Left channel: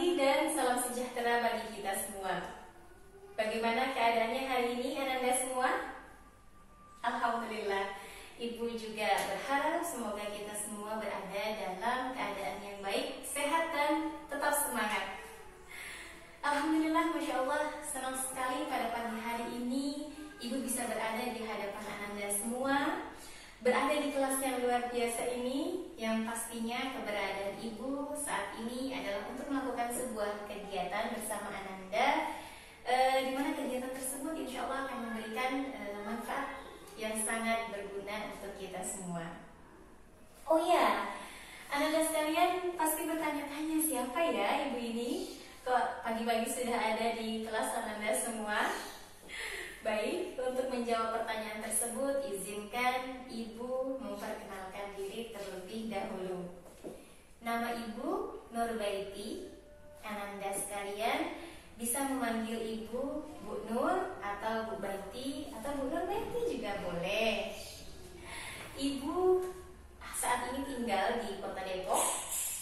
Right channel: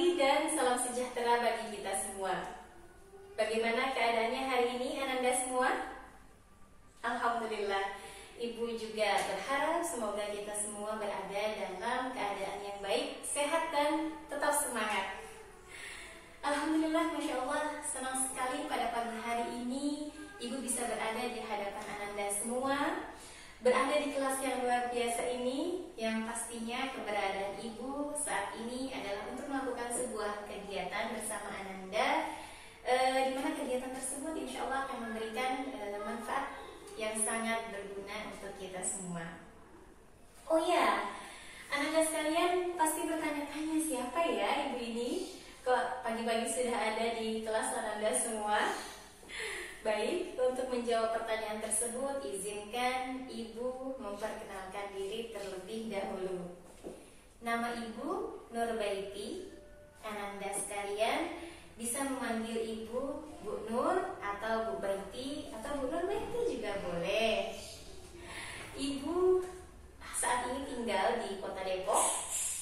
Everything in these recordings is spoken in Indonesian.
pagi dan salam sejahtera bagi kita semua. Bagaimana keadaannya hari ini Ananda semua? Alhamdulillah, Ibu juga berharap semoga kita semua berada dalam keadaan yang baik, sehat dan tetap semangat. Alhamdulillah, Masya Allah, senang sekali pada pagi hari ini Ibu bisa berada di hadapan Ananda semua, berada di kelas yang luar biasa ini, yang pastinya keberadaan Ibu saat ini adalah untuk melakukan sebuah kegiatan bersama Ananda, di mana kegiatan tersebut insya Allah akan memberikan manfaat yang sangat berguna untuk kita semua. Oh ya, Ananda sekalian pasti bertanya-tanya, siapa ya Ibu ini? Kok pagi-pagi sudah ada di kelas Ananda semua? Baik, untuk menjawab pertanyaan tersebut, izinkan Ibu memperkenalkan diri terlebih dahulu. Nama Ibu Nurbaiti. Ananda sekalian bisa memanggil Ibu Bu Nur atau Bu Baiti atau Bu Nurbaiti juga boleh. Ibu saat ini tinggal di Kota Depok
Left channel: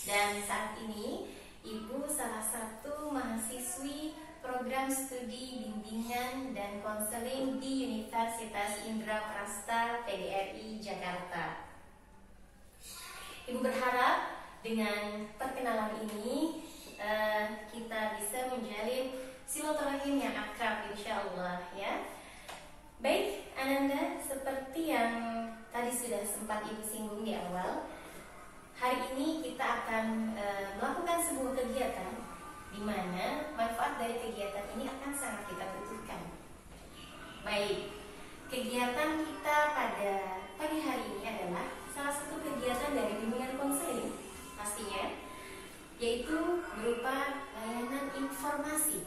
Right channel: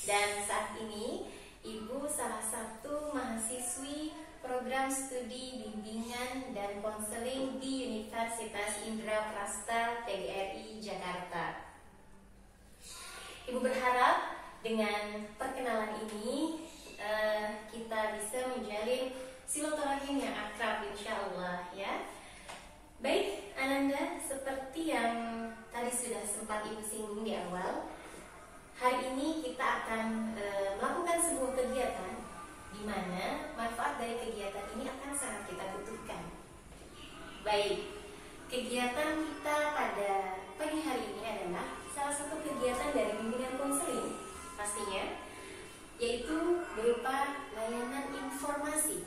dan saat ini Ibu salah satu mahasiswi program studi bimbingan dan konseling di Universitas Indraprasta PGRI Jakarta. Ibu berharap dengan perkenalan ini kita bisa menjalin silaturahim yang akrab insya Allah ya. Baik Ananda, seperti yang tadi sudah sempat Ibu singgung di awal, hari ini kita akan melakukan sebuah kegiatan di mana manfaat dari kegiatan ini akan sangat kita butuhkan. Baik, kegiatan kita pada pagi hari ini adalah salah satu kegiatan dari bimbingan konseling pastinya, yaitu berupa layanan informasi,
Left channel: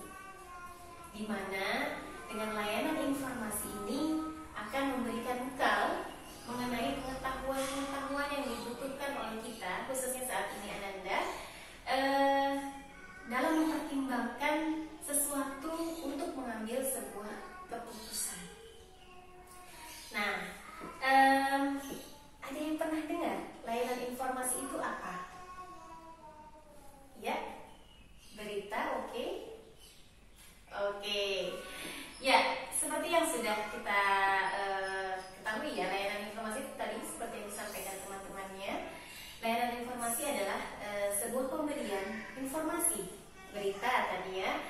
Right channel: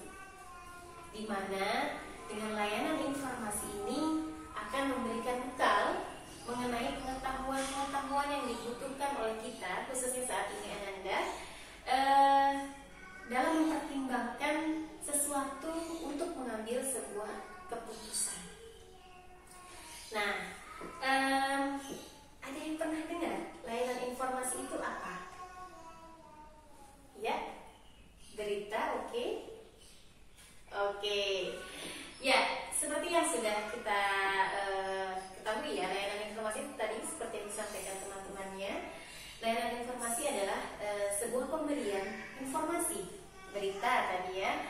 di mana dengan layanan informasi ini akan memberikan bekal mengenai pengetahuan-pengetahuan yang dibutuhkan oleh kita, khususnya saat ini Ananda, dalam mempertimbangkan sesuatu untuk mengambil sebuah keputusan. Nah, ada yang pernah dengar layanan informasi itu apa? Ya, berita, oke? Oke. Ya, seperti yang sudah kita ketahui ya, layanan informasi tadi seperti yang disampaikan teman-temannya, layanan informasi adalah sebuah pemberian informasi, berita tadi ya,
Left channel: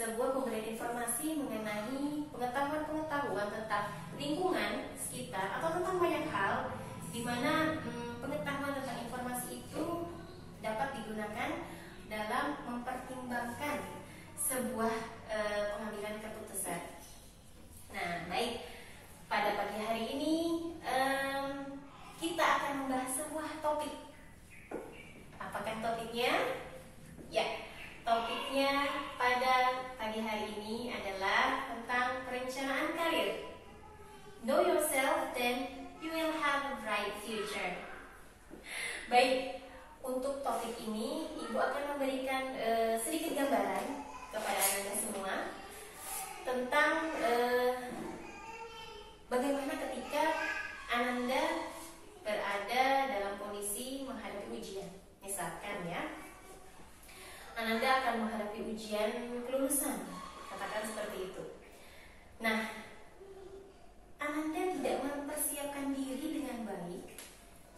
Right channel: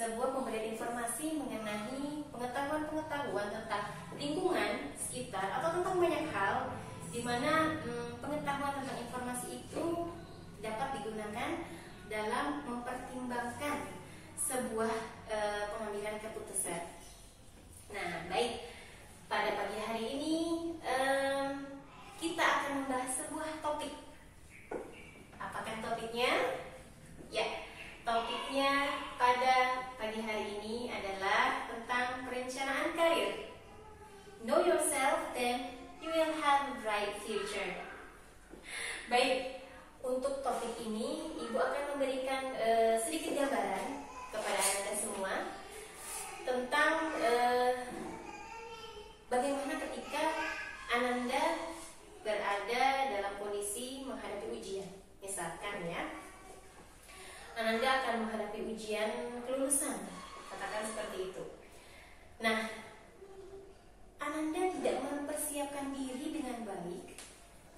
sebuah pemberian informasi mengenai pengetahuan-pengetahuan tentang lingkungan sekitar atau tentang banyak hal, di mana pengetahuan tentang informasi itu dapat digunakan dalam mempertimbangkan sebuah pengambilan keputusan. Nah, baik, pada pagi hari ini kita akan membahas sebuah topik. Apakah topiknya? Ya, topiknya pada pagi hari ini adalah tentang perencanaan karir. Know yourself, then you will have a bright future. Baik, untuk topik ini Ibu akan memberikan sedikit gambaran kepada Anda semua tentang bagaimana ketika Ananda berada dalam kondisi menghadapi ujian. Misalkan ya, Ananda akan menghadapi ujian kelulusan, katakan seperti itu. Nah, Ananda tidak mempersiapkan diri dengan baik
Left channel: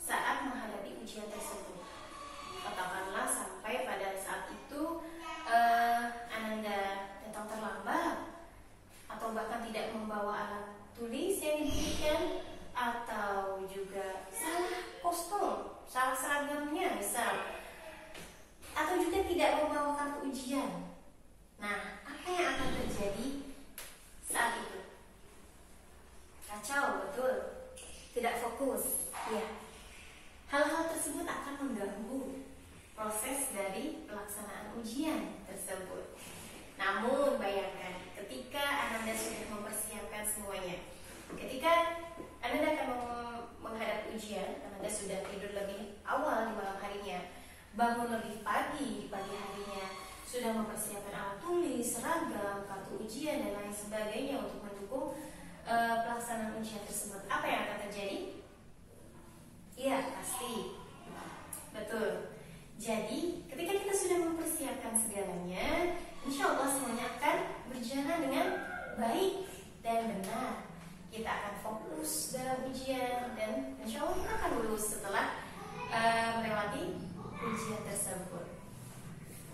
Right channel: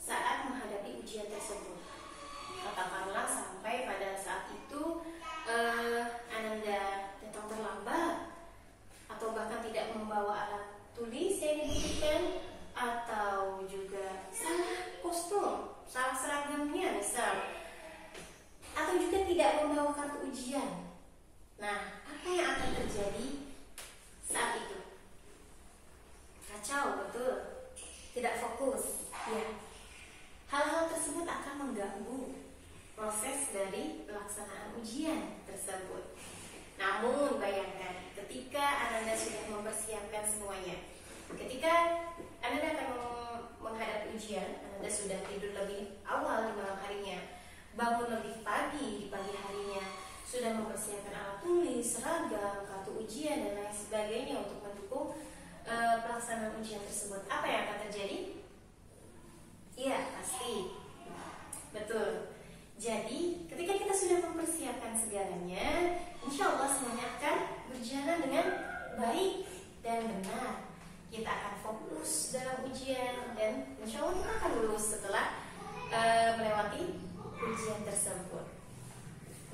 saat menghadapi ujian tersebut. Katakanlah sampai pada saat itu Ananda datang terlambat, atau bahkan tidak membawa alat tulis yang dibutuhkan, atau juga salah kostum, salah seragamnya misal, atau juga tidak membawa kartu ujian. Nah, apa yang akan terjadi saat itu? Kacau, betul, tidak fokus ya. Hal-hal tersebut akan mengganggu proses dari pelaksanaan ujian tersebut. Namun bayangkan ketika Ananda sudah mempersiapkan semuanya, ketika Ananda akan menghadapi ujian, Ananda sudah tidur lebih awal di malam harinya, bangun lebih pagi di pagi harinya, sudah mempersiapkan alat tulis, seragam, kartu ujian dan lain sebagainya untuk mendukung pelaksanaan ujian tersebut. Apa yang akan terjadi? Iya, pasti. Betul. Jadi, ketika kita sudah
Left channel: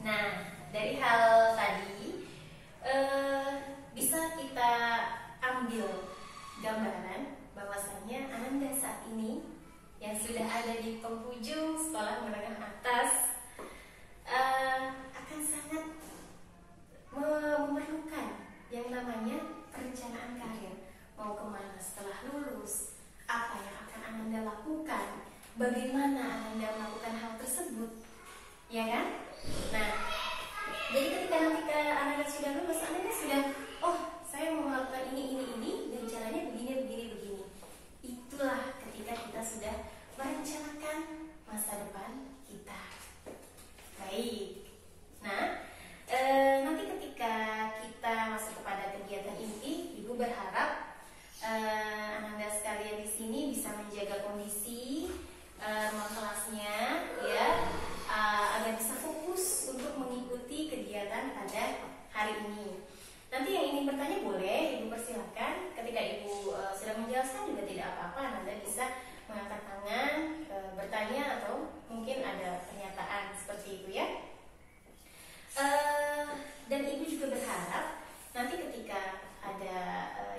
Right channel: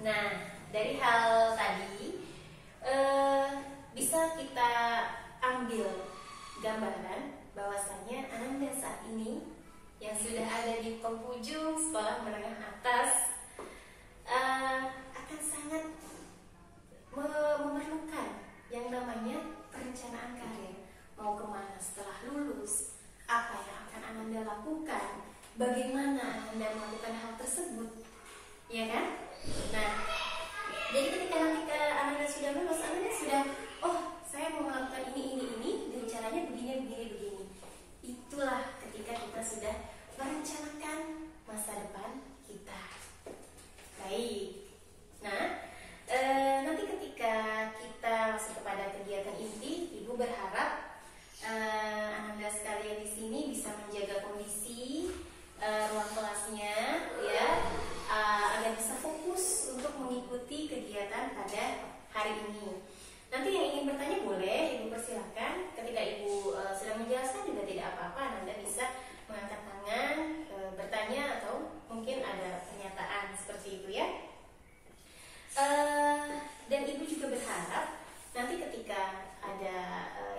Nah, dari hal tadi bisa kita ambil gambaran bahwasanya Ananda saat ini yang sudah ada di penghujung sekolah menengah atas akan sangat memerlukan yang namanya perencanaan karir. Mau kemana setelah lulus, apa yang akan Ananda lakukan, bagaimana Ananda melakukan hal tersebut, ya kan? Nah, jadi ketika nanti Ananda sudah lulus, Ananda sudah, oh saya mau melakukan ini, dan caranya begini. Itulah ketika kita sudah merencanakan masa depan kita. Baik. Nah, nanti ketika kita masuk kepada kegiatan inti, Ibu berharap Ananda sekalian di sini bisa menjaga kondisi ruang kelasnya, ya, agar bisa fokus untuk mengikuti kegiatan pada hari ini. Nanti yang ingin bertanya boleh Ibu persilahkan. Ketika Ibu sudah menjelaskan juga tidak apa-apa, Ananda bisa mengangkat tangan, bertanya atau mungkin ada pernyataan seperti itu, ya. Dan Ibu juga berharap nanti ketika ada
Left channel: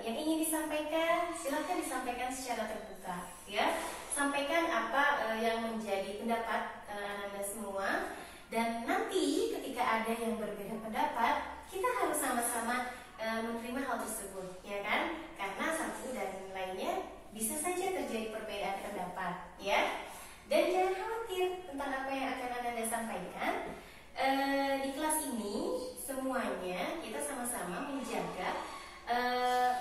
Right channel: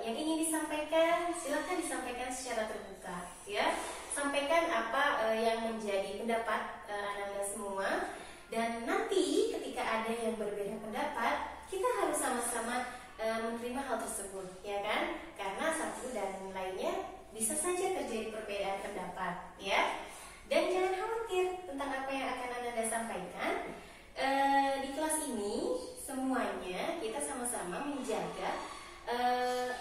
yang ingin disampaikan, silahkan disampaikan secara terbuka, ya. Sampaikan apa yang menjadi pendapat Ananda semua, dan nanti ketika ada yang berbeda pendapat, kita harus sama-sama menerima hal tersebut, ya kan? Karena satu dan lainnya bisa saja terjadi perbedaan pendapat, ya. Dan jangan khawatir tentang apa yang akan Ananda sampaikan. Di kelas ini semuanya kita sama-sama menjaga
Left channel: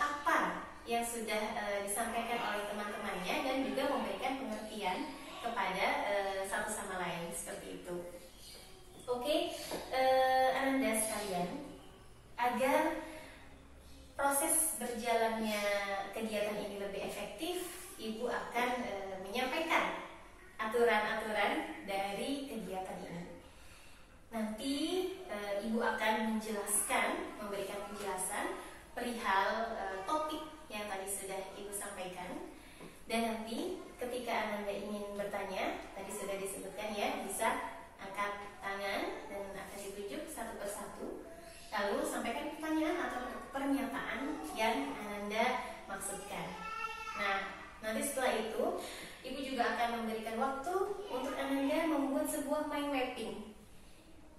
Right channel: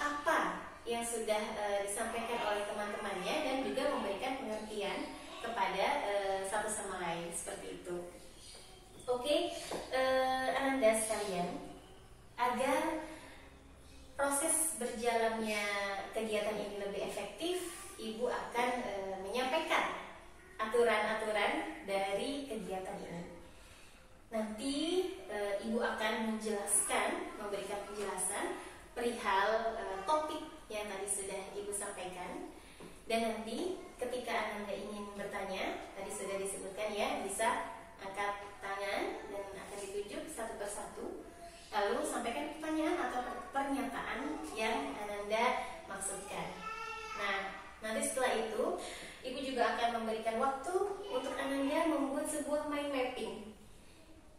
apa yang sudah disampaikan oleh teman-temannya dan juga memberikan pengertian kepada satu sama lain, seperti itu. Oke, Ananda sekalian, agar proses berjalannya kegiatan ini lebih efektif, Ibu akan menyampaikan aturan-aturan dari kegiatan ini. Nanti Ibu akan memberikan penjelasan perihal topik yang tadi sudah Ibu sampaikan. Dan nanti ketika Ananda ingin bertanya, tadi sudah disebutkan, ya, bisa angkat tangan dan akan ditunjuk satu persatu. Lalu sampaikan pertanyaan atau pernyataan yang Ananda maksudkan. Nah, nanti setelah itu Ibu juga akan memberikan waktu untuk Ananda membuat sebuah mind mapping,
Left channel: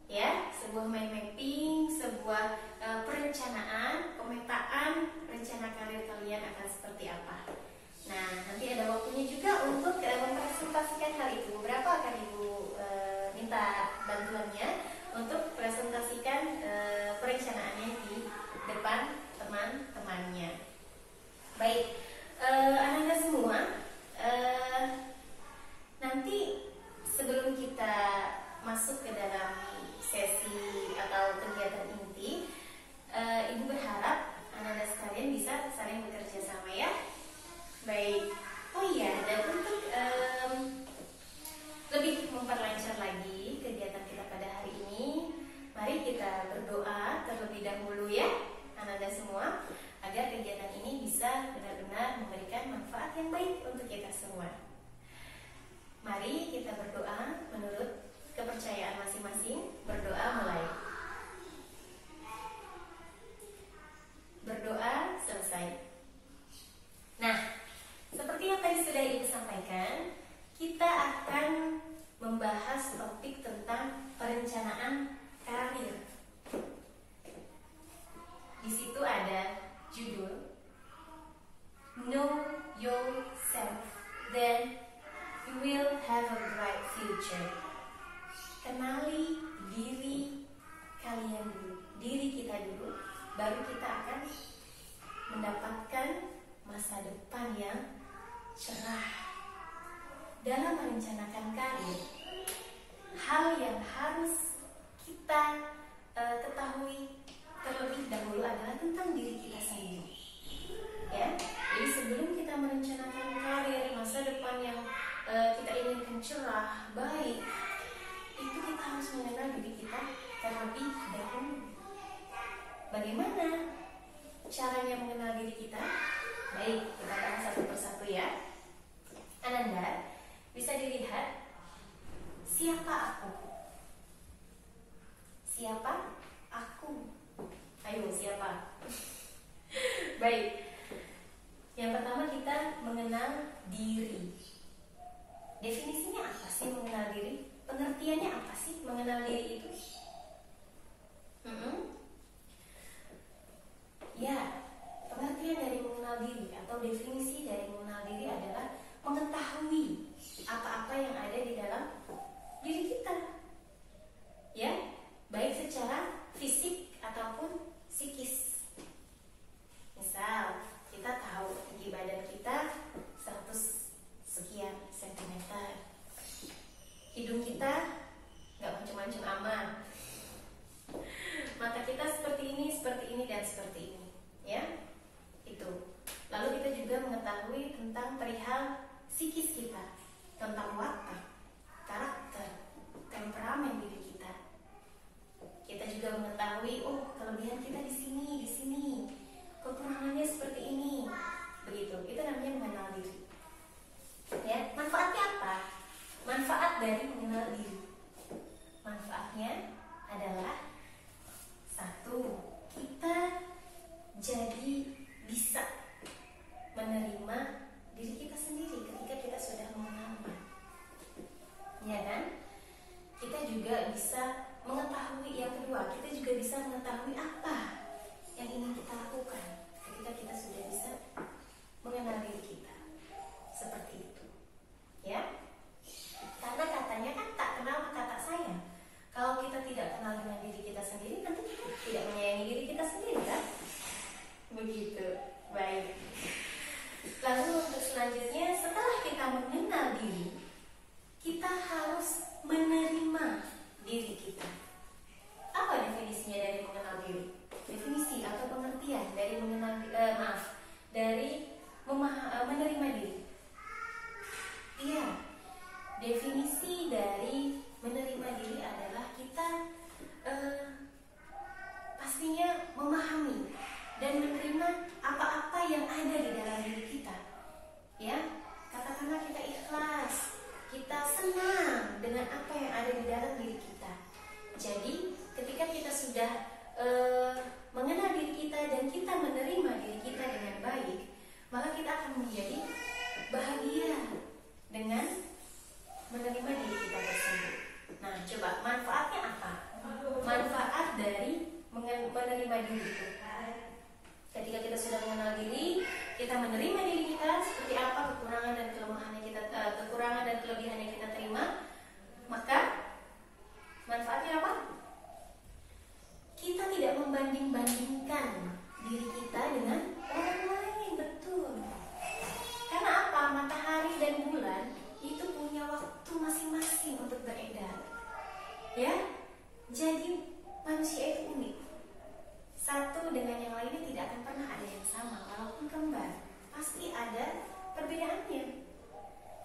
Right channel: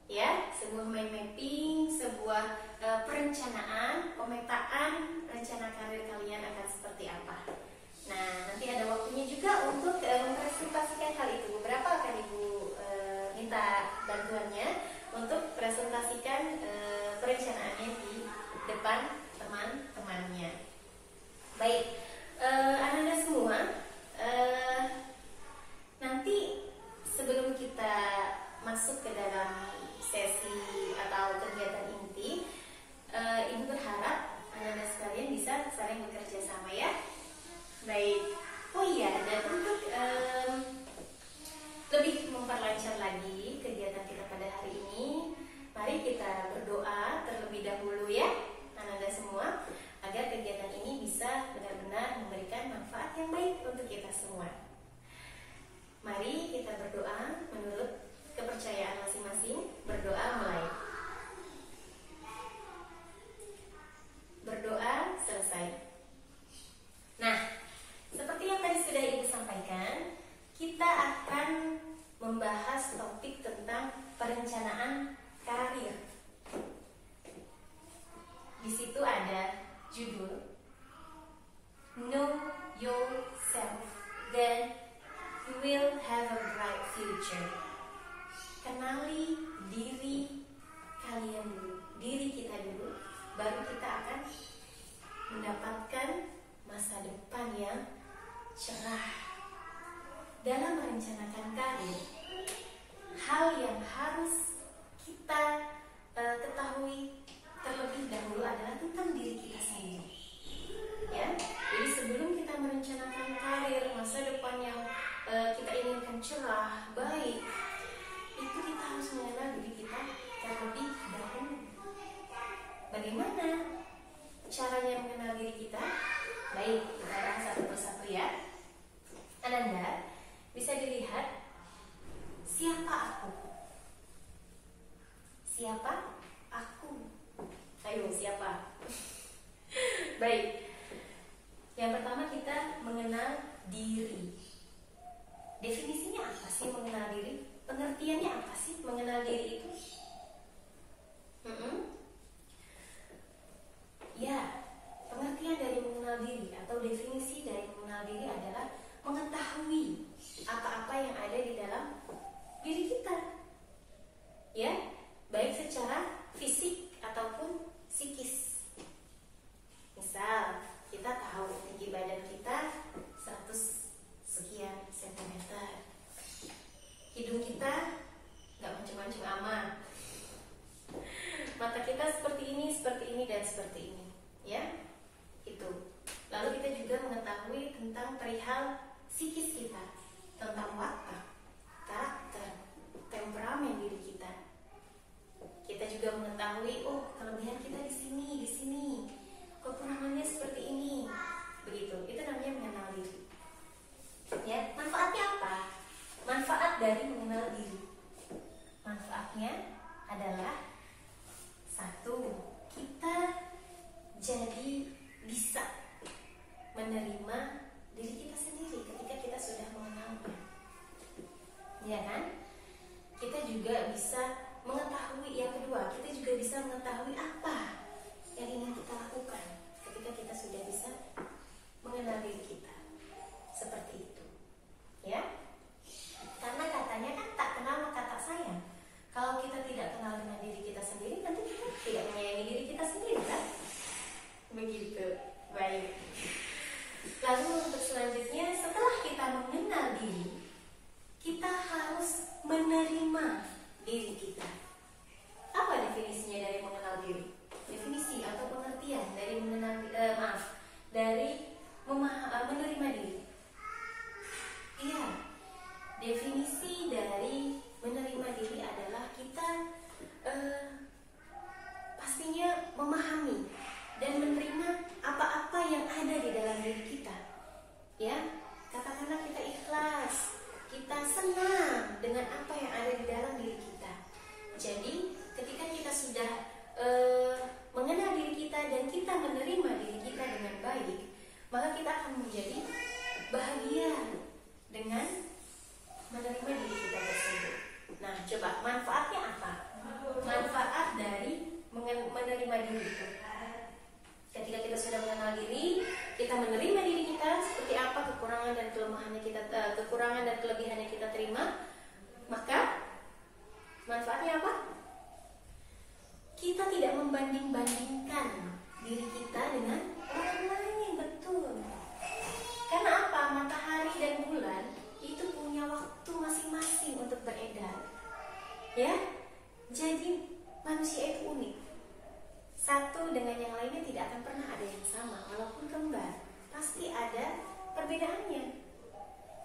ya, sebuah mind mapping, sebuah perencanaan, pemetaan rencana karir kalian akan seperti apa. Nah, nanti ada waktunya juga untuk mempresentasikan hal itu. Berapa akan Ibu minta bantuannya untuk presentasikan perencanaannya di depan teman-temannya. Baik, Ananda semua, nanti sebelum kita masuk ke dalam sesi atau kegiatan inti, Ibu berharap Ananda sekalian bisa saling bekerja sama, ya. Baik. Oh iya, dan untuk lebih memperlancar lagi kegiatan kita pada hari ini, mari kita berdoa terlebih dahulu, ya, Ananda semua, agar kegiatan ini bisa benar-benar memberikan manfaat yang baik untuk kita semua. Mari kita berdoa menurut kepercayaan masing-masing. Berdoa mulai. Berdoa selesai. Nah, seperti yang tadi sudah Ibu sampaikan, kita akan membahas topik tentang perencanaan karir. Di situ ada judul Know Yourself, Then You Will Have a Bright Future. Kenali diri kalian dulu, diri kita dulu, baru kita akan mendapatkan masa depan yang cerah. Dalam merencanakan karir, hal yang harus kita ketahui terlebih dahulu adalah tentang diri kita sendiri, ya. Jadi sebelum kita merencanakan karir, masa depan yang kita inginkan cerah, baik, itu kita harus mengenal diri kita terlebih dahulu. Bagaimana caranya mengenal diri kita? Baik, kita bahas satu persatu, ya. Ananda, bisa dilihat siapa aku? sama. Mata kita seperti ini, dan seperti ini, ya. Itu. Lalu kita juga mengetahui tentang perihal psikis kita, tentang watak, karakter, temperamen diri kita. Kita juga mengetahui, oh, kelebihan kita di sini, kekurangannya seperti ini. Begitu. Itu namanya mengenal diri. Ya, manfaatnya apa? Manfaat dari mengenal diri. Manfaatnya adalah satu, kita jadi bisa menerima diri kita sendiri ketika kita sudah mengenalnya, ya kan? Kita juga bisa mengetahui, yang kedua, kita juga bisa mengetahui apa yang ingin kita lakukan ketika kita sudah bisa mengenal diri kita. Seperti itu, ya. Karena katanya kan tak kenal maka tak sayang. Kalau kita tidak kenal dengan diri kita sendiri, tentu kita tidak menyayangi diri kita sendiri, kan? Begitu. Baik. Lalu untuk selanjutnya, setelah kita mengenal diri, kita harus menerima diri kita. Apa definisinya dari mengenal diri? Definisi atau pengertian dari menerima diri. Iya, definisi dari menerima diri adalah kita pastinya memahami dan menerima apa-apa yang ada di dalam diri kita. Ya, katakanlah kita ikhlas, kita senang dengan apa yang ada di dalam diri kita. Jadi, ketika kita sudah mengenal diri kita dan kita menerima diri kita dengan baik, maka kita akan menjadi bahagia dengan menerima diri kita tersebut. Nah, coba manfaatnya apa? Manfaat dari menerima diri. Ketika kita sudah mengenal diri, kita menerima diri kita seperti apa kekurangan dan kelemahannya kita, kekurangan dan kelebihannya kita terima, maka manfaatnya apa? Kita tidak membanding-bandingkan diri kita dengan orang lain, betul. Karena apa? Matahari dan bulan itu punya waktu masing-masing untuk beredar. Ya, jadi manusia itu unik. Satu dengan yang lainnya tidak akan pernah ada yang sama. Walaupun kembar, pasti ada perbedaannya.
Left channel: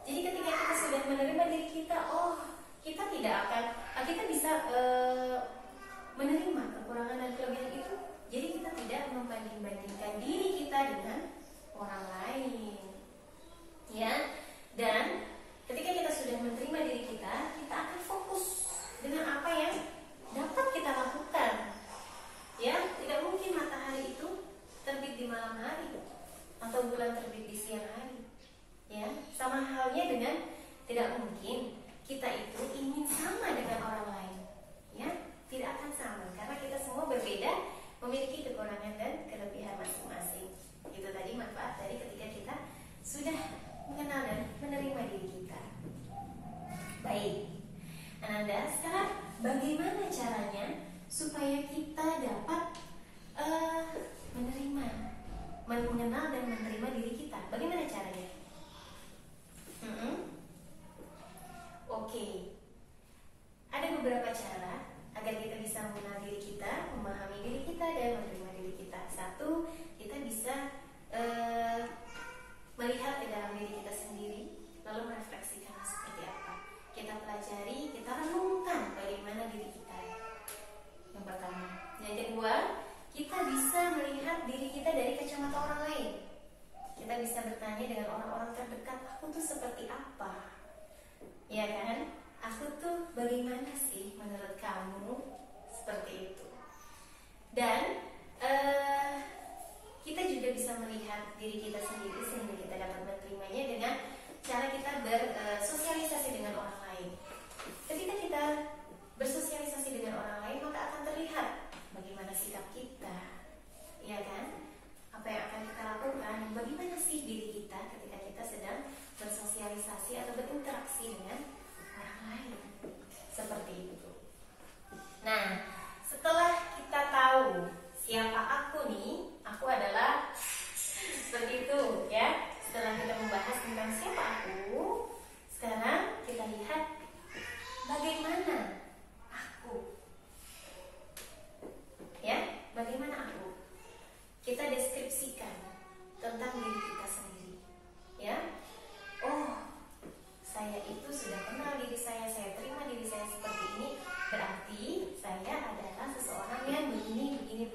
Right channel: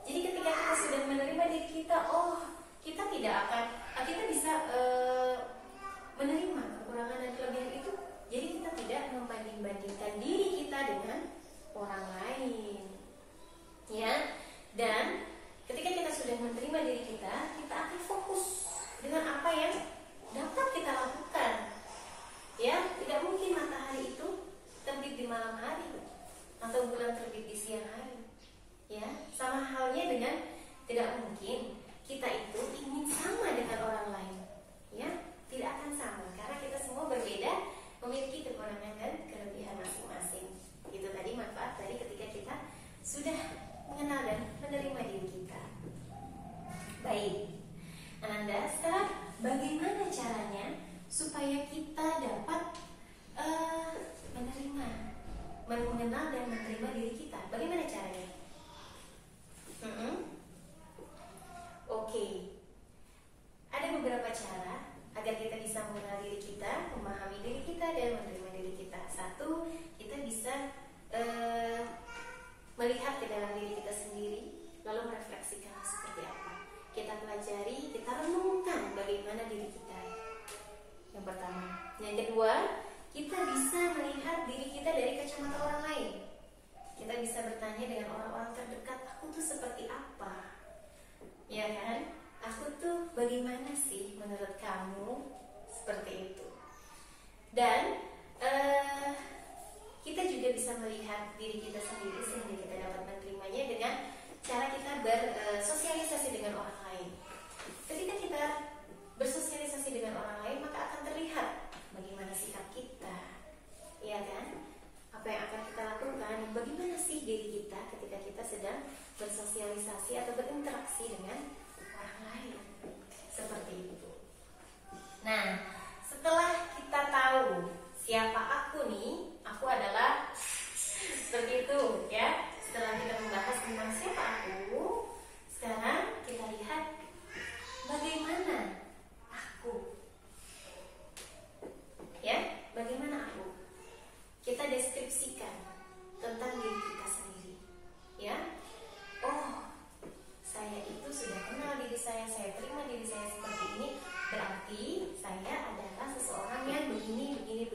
Jadi ketika kita sudah menerima diri kita, kita tidak akan, kita bisa menerima kekurangan dan kelebihan itu. Jadi kita tidak membanding-bandingkan diri kita dengan orang lain. Ya, dan ketika kita sudah menerima diri kita, kita akan fokus dengan apa yang dapat kita lakukan. Ya, tidak mungkin matahari itu terbit di malam hari atau bulan terbit di siang hari. Ya, sama halnya dengan tidak mungkin kita itu ingin sama dengan orang lain. Ya, tidak akan sama karena kita semua berbeda, memiliki kekurangan dan kelebihan masing-masing. Itu tadi manfaat dari ketika kita sudah mengenal dan menerima diri kita. Baik, Ananda, sekarang bagaimana caranya supaya kita dapat mengenal dan menerima diri kita? Bagaimana caranya? Oke. Ada beberapa cara agar kita bisa mengenal diri kita, memahami diri kita, dan menerima diri kita. Satu, kita bisa melihat ke dalam diri kita sendiri, lalu merefleksikannya seperti apa. Kita pelajari, kita renungkan bagaimana diri kita. Yang pertama. Yang kedua, kita bisa melihat diri kita dari kacamata orang lain. Kita bisa bertanya dengan orang-orang terdekat, aku tuh seperti apa? Ya kan? Aku tuh bagaimana sih menurut kamu? Seperti itu. Dan kita juga bisa melihat diri kita sendiri sehingga kita dapat menerimanya dengan cara kita bersosialisasi dengan orang lain. Ketika kita bersosialisasi dengan orang lain, maka akan terlihat bagaimana sikap kita, ya kan? Apa yang akan kita lakukan, bagaimana sih diri kita ketika kita sedang bersosialisasi atau berinteraksi dengan orang lain. Seperti itu. Nah, setelah kita tahu siapa aku nih, aku adalah seperti itu, ya. Setelah kita membahas tentang siapa aku, sekarang kita lihat saya adalah seseorang yang begini.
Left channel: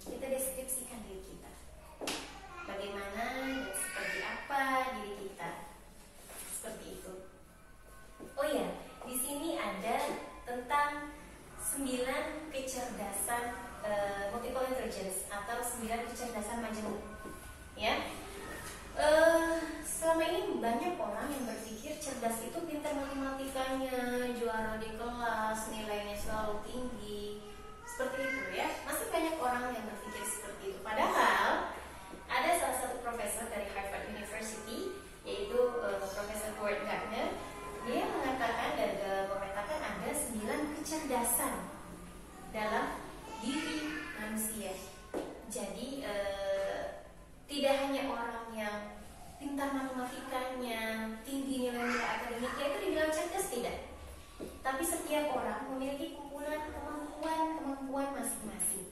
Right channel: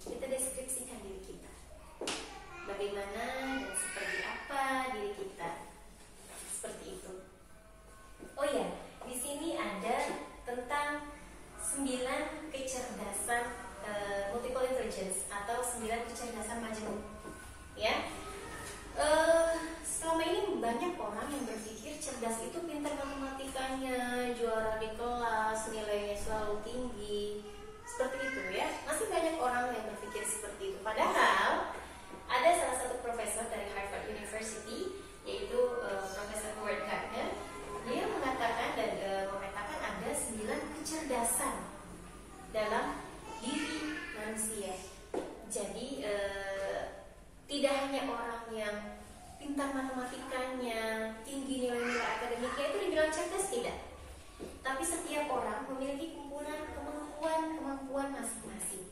Kita deskripsikan diri kita. Bagaimana dan seperti apa diri kita. Seperti itu. Oh ya, di sini ada tentang 9 kecerdasan multiple intelligence atau 9 kecerdasan majemuk. Ya. Selama ini banyak orang yang berpikir cerdas itu pintar matematikanya, juara di kelas, nilainya selalu tinggi, seperti itu ya. Masih banyak orang yang berpikir seperti itu. Padahal ada salah satu profesor dari Harvard University, yaitu Profesor Howard Gardner. Dia mengatakan dan memetakan ada 9 kecerdasan dalam diri manusia. Jadi tidak hanya orang yang pintar matematikanya, tinggi nilai-nilai akademiknya itu dibilang cerdas, tidak. Tapi setiap orang memiliki kemampuan masing-masing.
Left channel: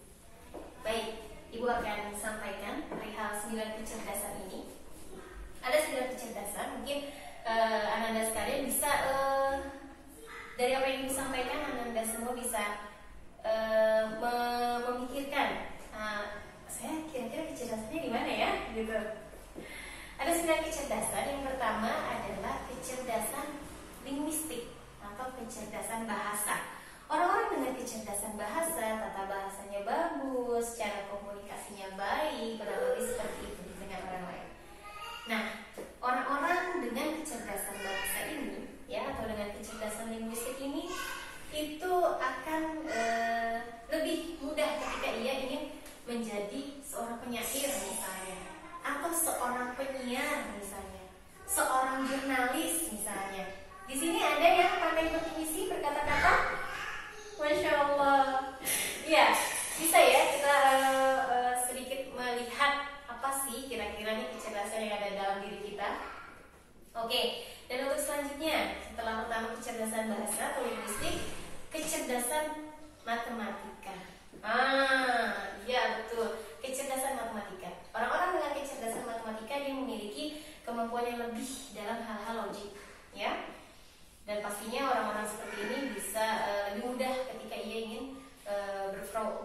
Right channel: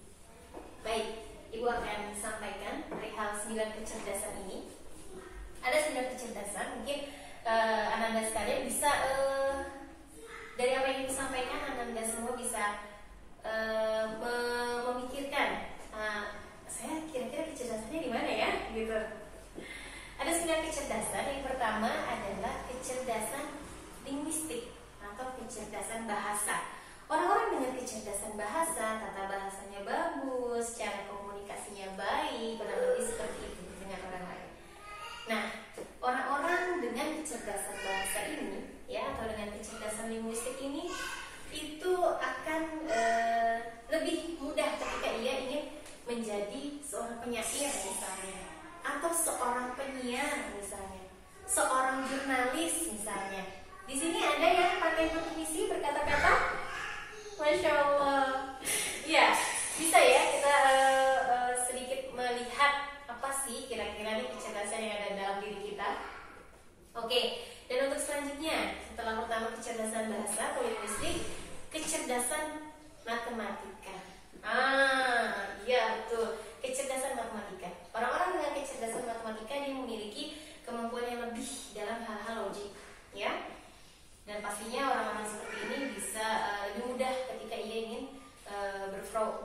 Baik, Ibu akan sampaikan perihal 9 kecerdasan ini. Ada 9 kecerdasan, mungkin Ananda sekalian bisa dari apa yang Ibu sampaikan, Ananda semua bisa memikirkan saya kira-kira kecerdasannya di mana ya, gitu. Ada 9 kecerdasan. Yang pertama adalah kecerdasan linguistik atau kecerdasan bahasa. Orang-orang dengan kecerdasan bahasa, tata bahasanya bagus, cara komunikasinya baik, kurang lebih seperti itu dengan orang lain. Nah, orang-orang dengan kecerdasan bahasa ini, ya, atau dengan kecerdasan linguistik ini, itu akan lebih mudah ketika ia ingin menjadi seorang penyair misalnya, atau seorang penyiar misalnya, seorang jurnalis misalnya. Di sini ada yang pandai berpuisi, berkata-kata, Masya Allah. Ya, bisa ya kita sedikit melihat apa sih kira-kira nih kecerdasan yang ada dalam diri kita. Oke, dan untuk selanjutnya, setelah pertama kecerdasan bahasa atau linguistik, kecerdasan matematika. Iya betul, kecerdasan matematika. Orang-orang dengan kecerdasan matematika dia memiliki kemampuan yang lebih dalam hal-hal logik, ya. Dan pastinya orang-orang seperti ini bisa lebih mudah ketika ia ingin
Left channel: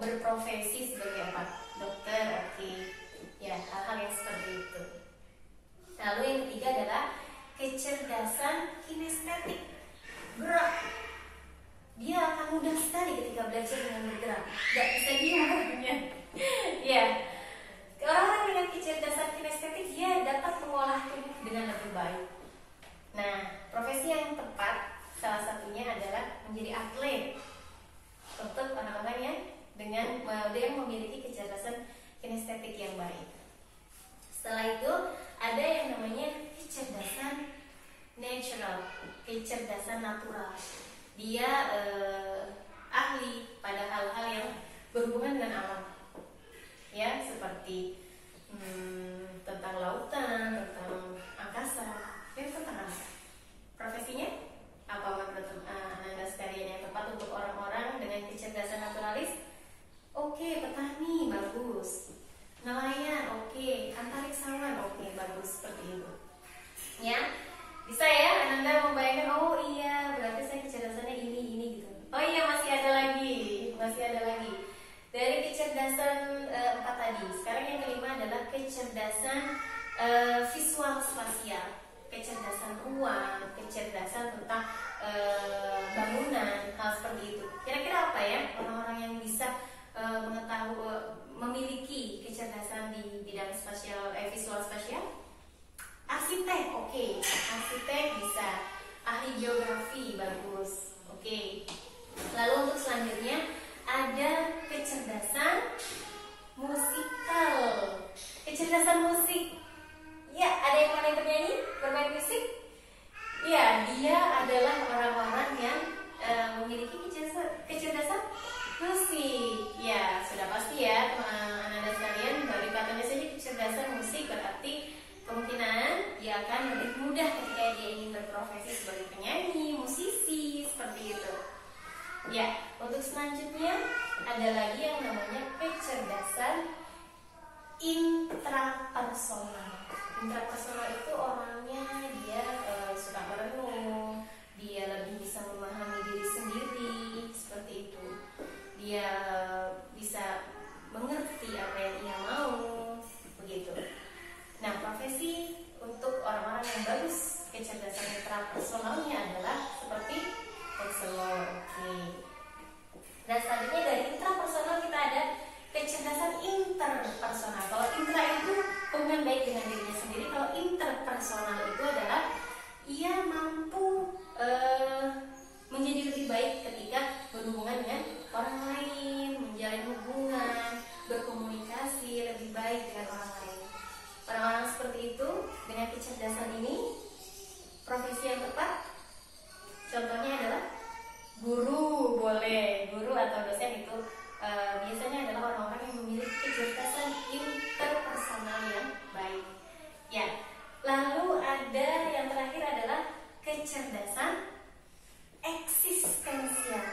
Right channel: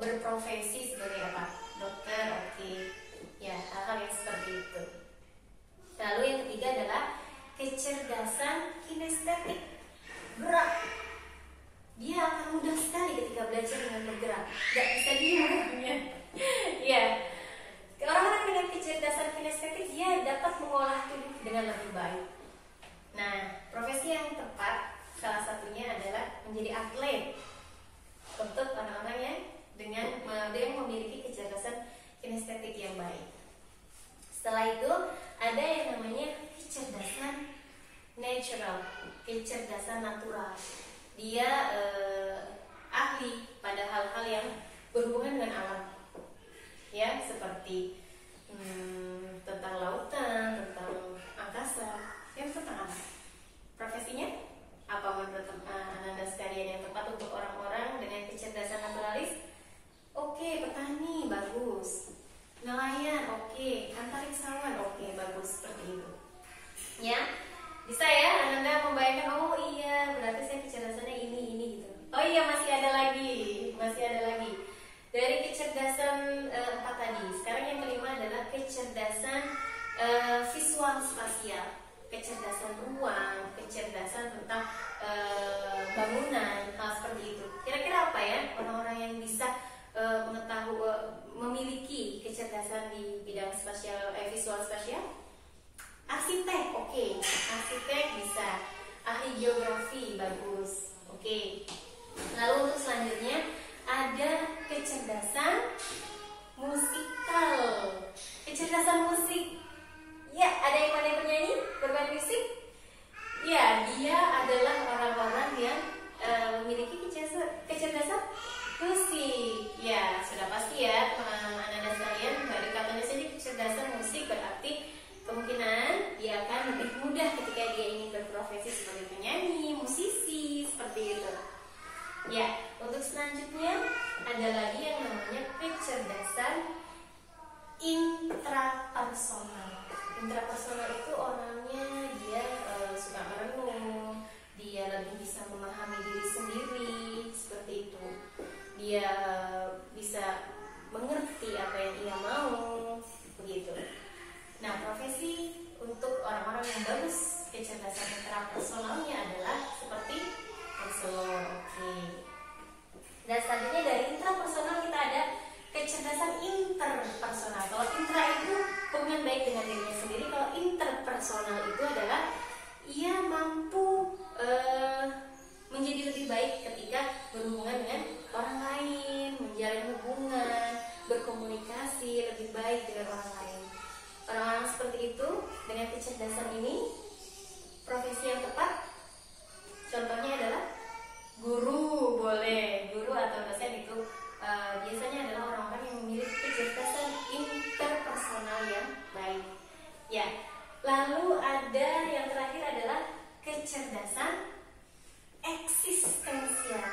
berprofesi sebagai apa? Dokter, oke. Ya, hal-hal yang seperti itu. Lalu yang ketiga adalah kecerdasan kinestetik, gerak. Dia akan mudah sekali ketika belajar dengan bergerak, nggak bisa diam. Ya, orang-orang dengan kecerdasan kinestetik dia dapat mengolah tubuh dengan lebih baik. Nah, profesi yang tepat salah satunya adalah menjadi atlet untuk orang-orang yang memiliki kecerdasan kinestetik yang baik. Setelah itu ada yang namanya kecerdasan natural, kecerdasan natural. Dia ahli pada hal-hal yang berhubungan dengan alam, ya, seperti tentang lautan, tentang angkasa, tentang alam. Profesinya apa menurut Ananda sekalian yang tepat untuk orang-orang dengan kecerdasan naturalis? Oke, petani, bagus. Nelayan, oke. Antariksawan, oke, bagus, seperti itu. Ya. Bisa ya Ananda membayangkan, oh iya berarti saya kecerdasannya ini gitu. Oh iya masih ada lagi dari kecerdasan 4 tadi. Sekarang yang kelima adalah kecerdasan visual spasial, kecerdasan ruang, kecerdasan tentang bangunan, hal seperti itu. Kira-kira apa ya orang-orang yang bisa memiliki kecerdasan di bidang spasial, visual spasial? Arsitek, oke. Arsitek bisa. Ahli geografi, bagus. Oke. Lalu untuk selanjutnya ada kecerdasan musikal. Kecerdasan musik. Ya, ada yang pandai bernyanyi, bermain musik? Ya, dia adalah orang-orang yang memiliki kecerdasan musik. Ya, sudah pasti ya, Ananda sekalian, dari katanya saja kecerdasan musik berarti kemungkinan dia akan lebih mudah ketika dia ingin berprofesi sebagai penyanyi, musisi, seperti itu. Ya, untuk selanjutnya ada lagi yang namanya kecerdasan intrapersonal. Intrapersonal itu orangnya dia suka merenung, dia lebih bisa memahami diri sendiri, seperti itu. dia bisa mengerti apa yang ia mau, begitu. Nah, profesi untuk orang-orang yang bagus kecerdasan intrapersonalnya adalah seperti konselor. Oke. Dan selanjutnya dari intrapersonal kita ada kecerdasan interpersonal. Kalau intra itu hubungan baik dengan dirinya sendiri, kalau interpersonal itu adalah ia mampu menjadi lebih baik ketika berhubungan dengan orang lain, menjalin hubungan, berkomunikasi lebih baik dengan orang lain. Orang-orang seperti itu dengan kecerdasan ini, profesi yang tepat contohnya adalah guru. Boleh, guru atau dosen itu biasanya adalah orang-orang yang memiliki kecerdasan interpersonal yang baik. Ya, lalu ada yang terakhir adalah kecerdasan eksistensial.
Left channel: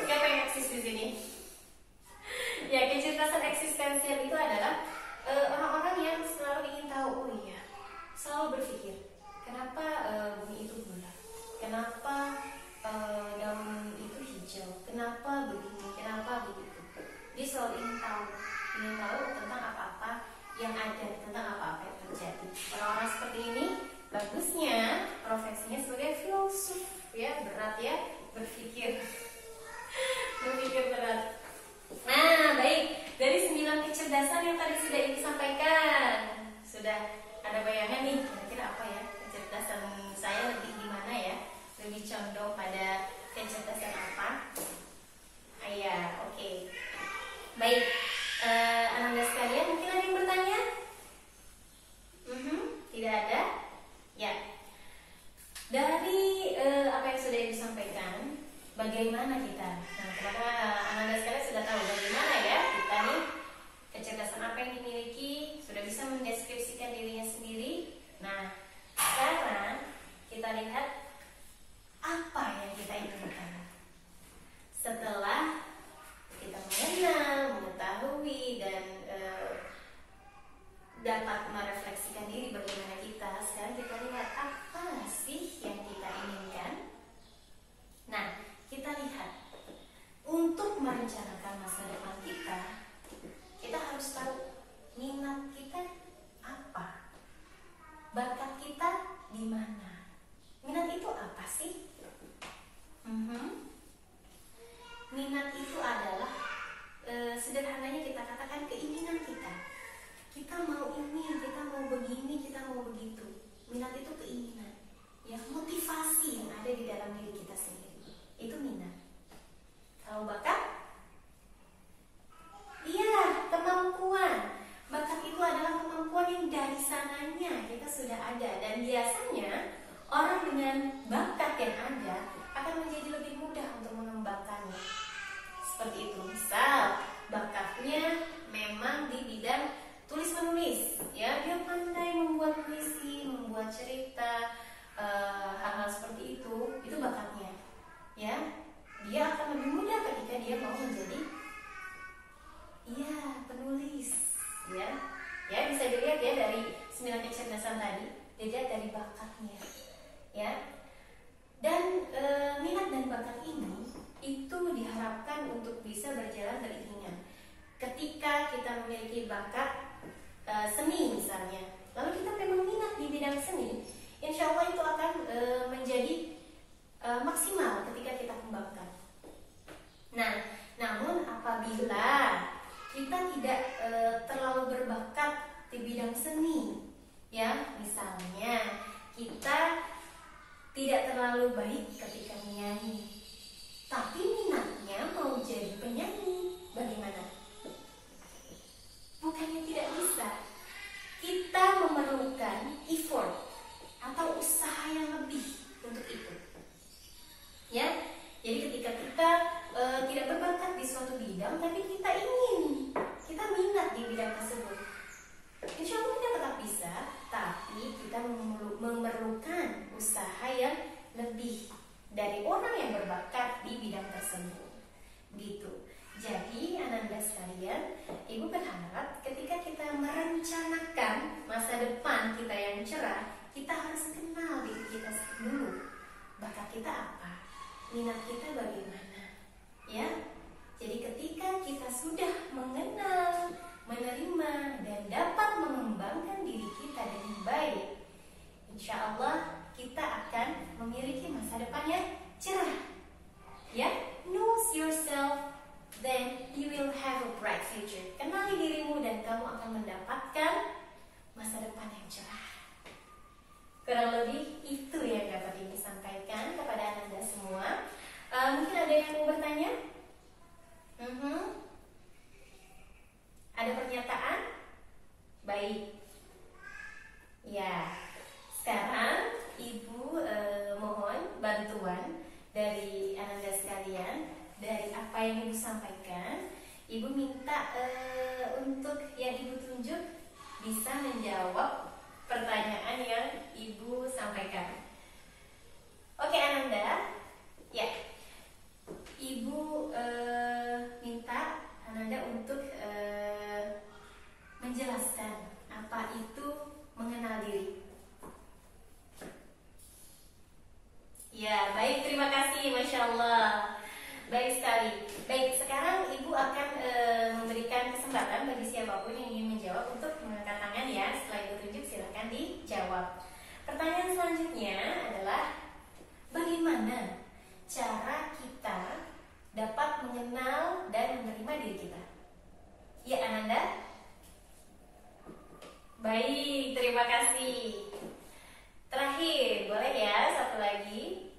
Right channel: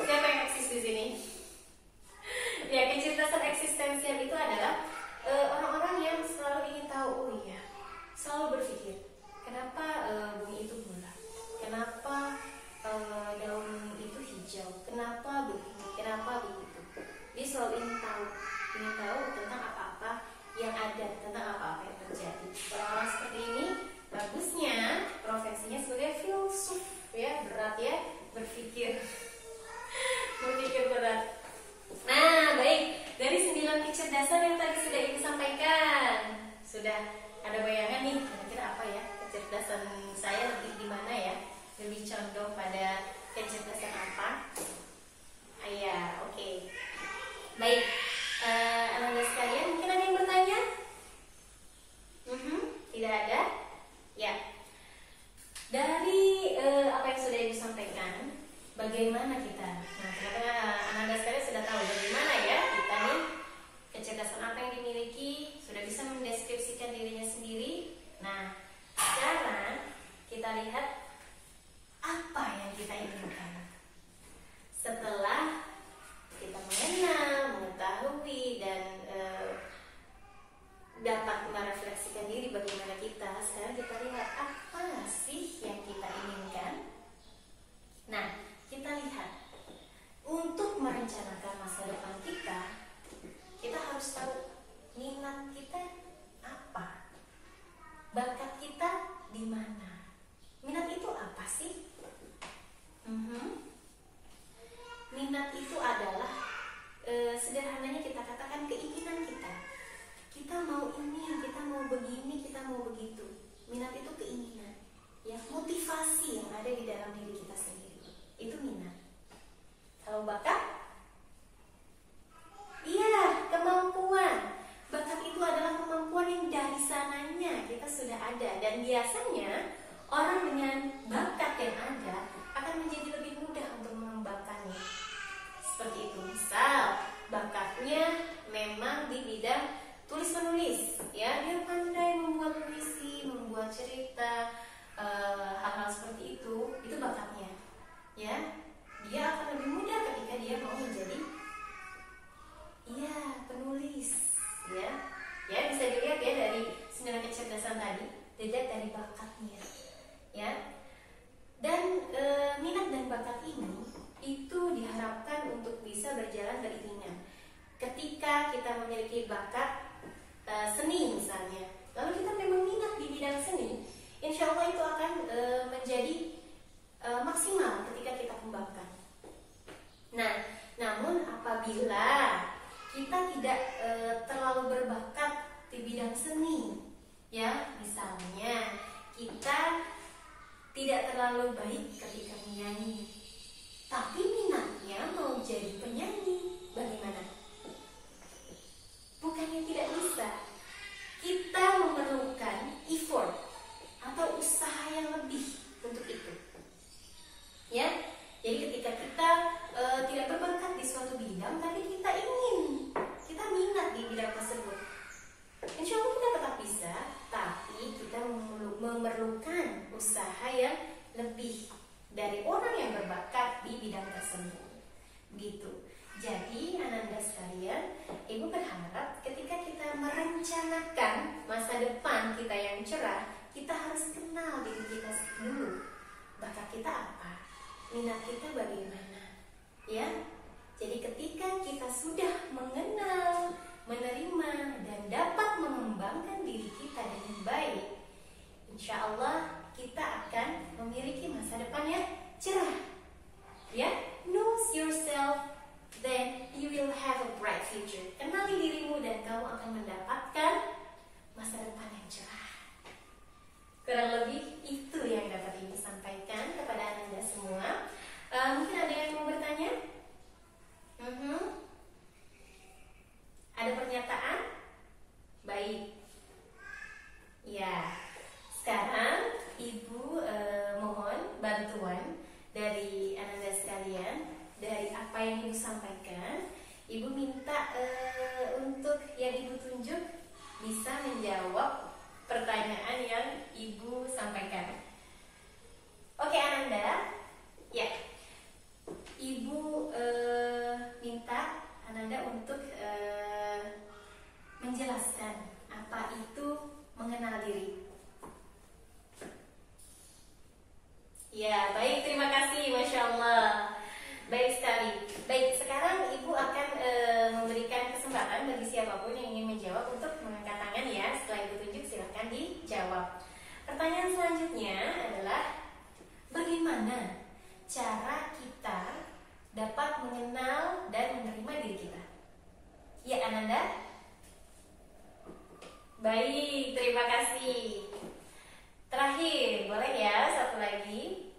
Siapa yang eksis di sini? Ya, kecerdasan eksistensial itu adalah orang-orang yang selalu ingin tahu, selalu berpikir, kenapa bumi itu bulat, kenapa daun itu hijau, kenapa begini, kenapa begitu. Dia selalu ingin tahu tentang apa-apa yang ada, tentang apa-apa yang terjadi. Orang-orang seperti ini bagusnya profesinya sebagai filsuf, ya, berat ya, berpikir berat. Nah, baik, dari 9 kecerdasan yang tadi sudah disampaikan, sudah ada bayangan nih, kira-kira apa ya kecerdasan saya lebih di mana ya, lebih condong pada kecerdasan apa? Oke. Baik, anak-anak sekalian, mungkin ada yang bertanya? Tidak ada? Ya. Dari apa yang sudah disampaikan, bagaimana kita? Nah, teman-teman, anak-anak sekalian sudah tahu bagaimana ya kita nih, kecerdasan apa yang dimiliki, sudah bisa mendeskripsikan dirinya sendiri. Nah, sekarang kita lihat apa yang kita inginkan. Setelah kita mengenal, mengetahui, dan dapat merefleksikan diri bagaimana kita, sekarang kita lihat apa sih yang kita inginkan. Nah, kita lihat untuk merencanakan masa depan kita harus tahu minat kita apa, bakat kita di mana. Minat itu apa sih? Minat itu adalah sederhananya kita katakan keinginan kita. Kita mau ini, kita mau begini, kita mau begitu. Minat itu keinginan, ya, motivasi yang ada di dalam diri kita sendiri. Itu minat. Kalau bakat, iya, kemampuan. Bakat itu adalah kemampuan yang dari sananya kita sudah ada. Dan biasanya orang dengan bakat yang ada akan menjadi lebih mudah untuk mengembangkannya. Seperti itu. Misal, bakatnya memang di bidang tulis menulis, ya, dia pandai membuat puisi, membuat cerita, hal-hal seperti itu bakatnya, ya. Dia akan lebih mudah ketika dia mau menjadi, penulis, ya. Ya, bisa dilihat ya dari 9 kecerdasan tadi, dilihat dari bakatnya, ya. Dan minat dan bakat ini itu diharapkan untuk bisa berjalan beriringan. Ketika kita memiliki bakat seni misalnya, lalu kita memang minat di bidang seni, insya Allah itu akan menjadi maksimal ketika kita kembangkan. Nah, namun apabila kita tidak terlalu berbakat di bidang seni, ya, misalnya kita tidak terlalu baik ketika menyanyi, tapi minatnya mau jadi penyanyi, bagaimana? Bukannya tidak bisa. Kita memerlukan effort atau usaha yang lebih untuk itu, ya. Jadi ketika kita tidak berbakat di suatu bidang, tapi kita minat di bidang tersebut, insya Allah kita tetap bisa, tapi kita memerlukan usaha yang lebih dari orang yang berbakat di bidang tersebut, gitu. Jadi anak-anak sekalian, Ibu berharap ketika kita merencanakan masa depan kita yang cerah, kita harus kenal diri kita dulu. Bakat kita apa? Minat kita bagaimana? sampaikan, Ibu minta untuk yang Ibu tunjuk bisa menjawab pertanyaan yang Ibu sampaikan. Oke Ananda, ya, Ibu minta Ananda untuk menjelaskan apa itu mengenal diri. Ya, baik, terima kasih, Masya Allah. Baik sekali. Baik, sekarang Ibu akan memberikan kesempatan bagi siapapun yang ingin menjawab untuk mengangkat tangan ya. Setelah Ibu tunjuk, silahkan dijawab. Pertanyaan selanjutnya adalah, bagaimana cara kita dapat mengenal dan menerima diri kita? Ya, Ananda? Baik, terima kasih. Terakhir, boleh ya satu lagi?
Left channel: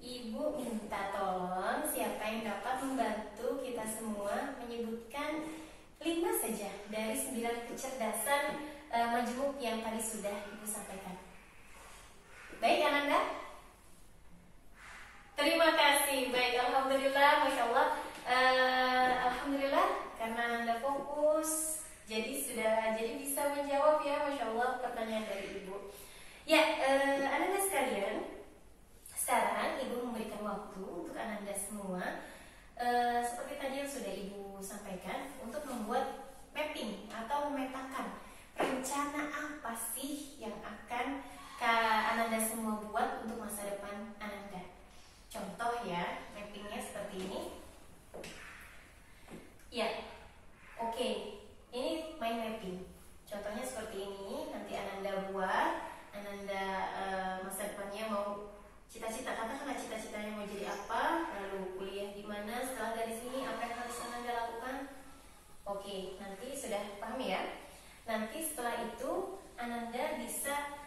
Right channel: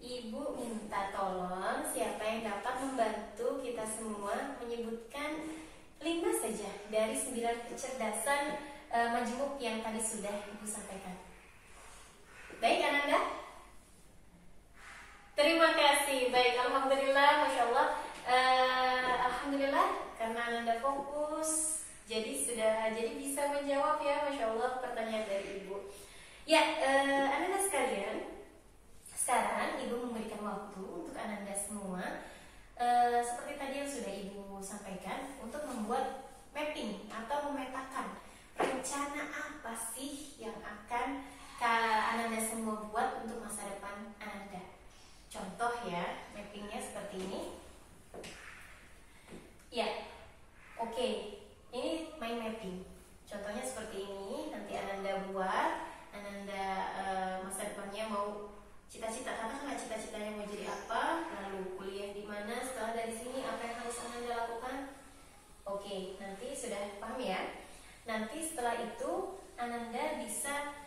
Ibu minta tolong siapa yang dapat membantu kita semua menyebutkan 5 saja dari 9 kecerdasan majmuk yang tadi sudah Ibu sampaikan. Baik, Ananda? Terima kasih. Baik, alhamdulillah, Masya Allah. Alhamdulillah karena Ananda fokus, jadi bisa menjawab ya, Masya Allah, pertanyaan dari Ibu. Ya, Ananda sekalian, sekarang Ibu memberikan waktu untuk Ananda semua, seperti tadi yang sudah Ibu sampaikan, untuk membuat mapping atau memetakan rencana apa sih yang akan Ananda semua buat untuk masa depan Ananda. Contoh ya, mappingnya seperti ini. Ya, oke, ini mind mapping. Contohnya seperti ini, nanti Ananda buat, Ananda masa depannya mau cita-cita, katakanlah cita-citanya mau jadi apa, lalu kuliah di mana, setelah dari sini apa yang harus Ananda lakukan. Oke, nanti sudah paham ya. Nanti setelah itu Ananda bisa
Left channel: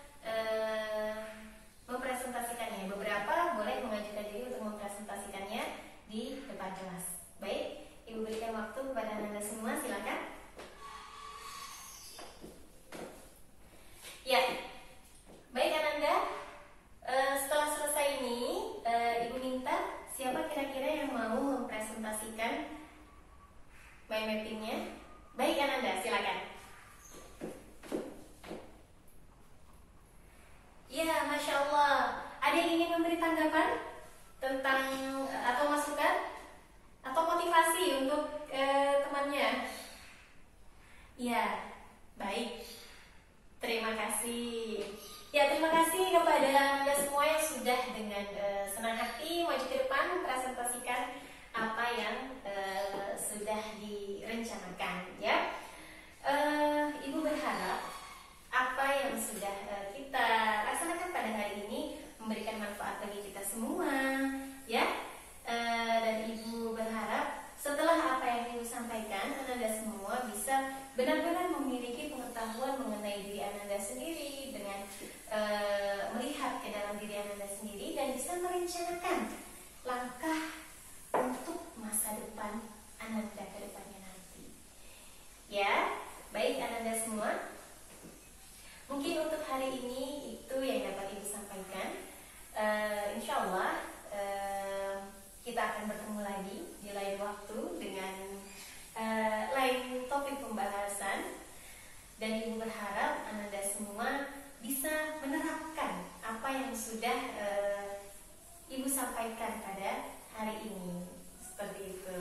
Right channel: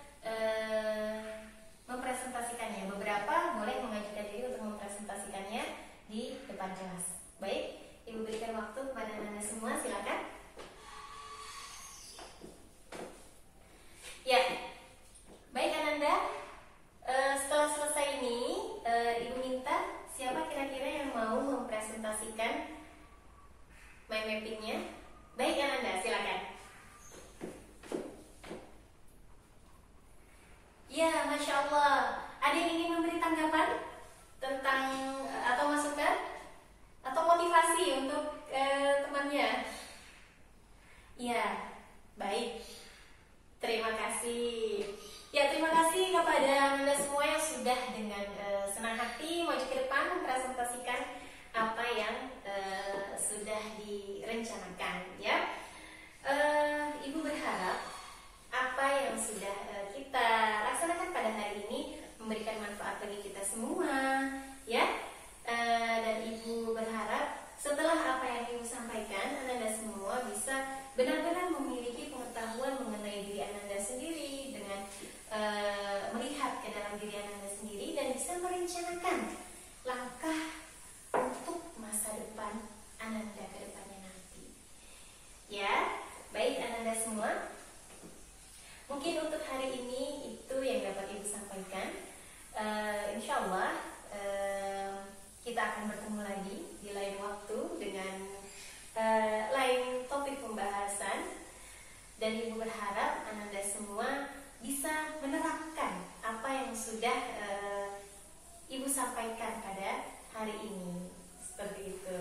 mempresentasikannya. Beberapa boleh mengajukan diri untuk mempresentasikannya di depan kelas. Baik, Ibu berikan waktu kepada Ananda semua, silakan. Ya, baik Ananda. Setelah selesai ini, Ibu minta siapa kira-kira yang mau mempresentasikan mind mappingnya. Baik Ananda, silakan. Ya, Masya Allah. Ada yang ingin memberi tanggapan tentang atau masukan atau motivasi untuk temannya? Ya, baik. Terima kasih. Ya, terima kasih kepada Anda semua yang sudah dengan senang hati maju ke depan mempresentasikan apa yang sudah direncanakan. Ya, Ibu berharap apa yang sudah kita laksanakan pada hari ini memberikan manfaat bagi kita semua, ya. Dan Ibu berharap setelah apa yang Ibu sampaikan, Anda semua bisa benar-benar memiliki pengetahuan mengenai diri Anda sendiri dengan melihat ke dalam diri Anda sendiri dan bisa merencanakan langkah untuk masa depan Anda ke depannya nanti. Ya, baik Anda semua. Mungkin untuk hari ini itu yang dapat Ibu sampaikan. Insya Allah kita akan bertemu lagi di lain waktu dengan lain topik pembahasan. Dan Ibu berharap Anda semua bisa menerapkan apa yang sudah Ibu sampaikan pada hari ini. Seperti itu.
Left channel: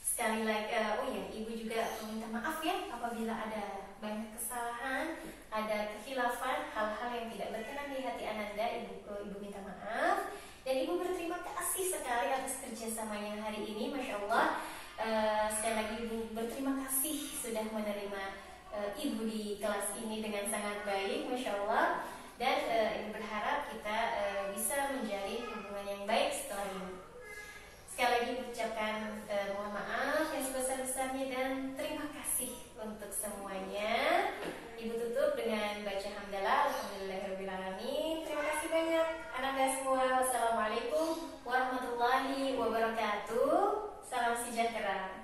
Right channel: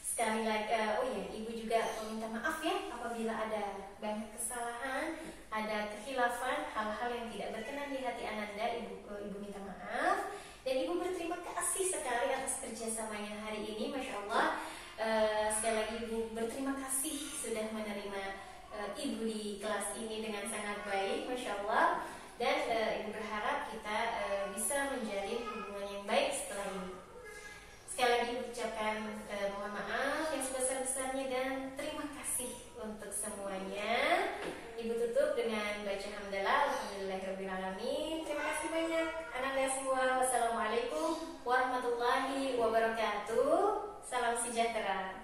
Sekali lagi, oh ya, Ibu juga meminta maaf ya apabila ada banyak kesalahan, ada kekhilafan, hal-hal yang tidak berkenan di hati Ananda. Ibu minta maaf. Dan Ibu berterima kasih sekali atas kerjasamanya hari ini, Masya Allah. Sekali lagi Ibu berterima kasih sudah menerima Ibu di kelas ini dengan sangat baik, Masya Allah. Dan Ibu berharap kita bisa menjalin hubungan yang baik setelah ini. Sekali lagi ucapkan mohon maaf yang sebesar-besarnya dan terima kasih untuk semuanya. Ibu tutup dengan baca hamdalah, alhamdulillahirrahmanirrahim. Terima kasih banyak Ananda semua. Wassalamualaikum warahmatullahi wabarakatuh. Salam sejahtera.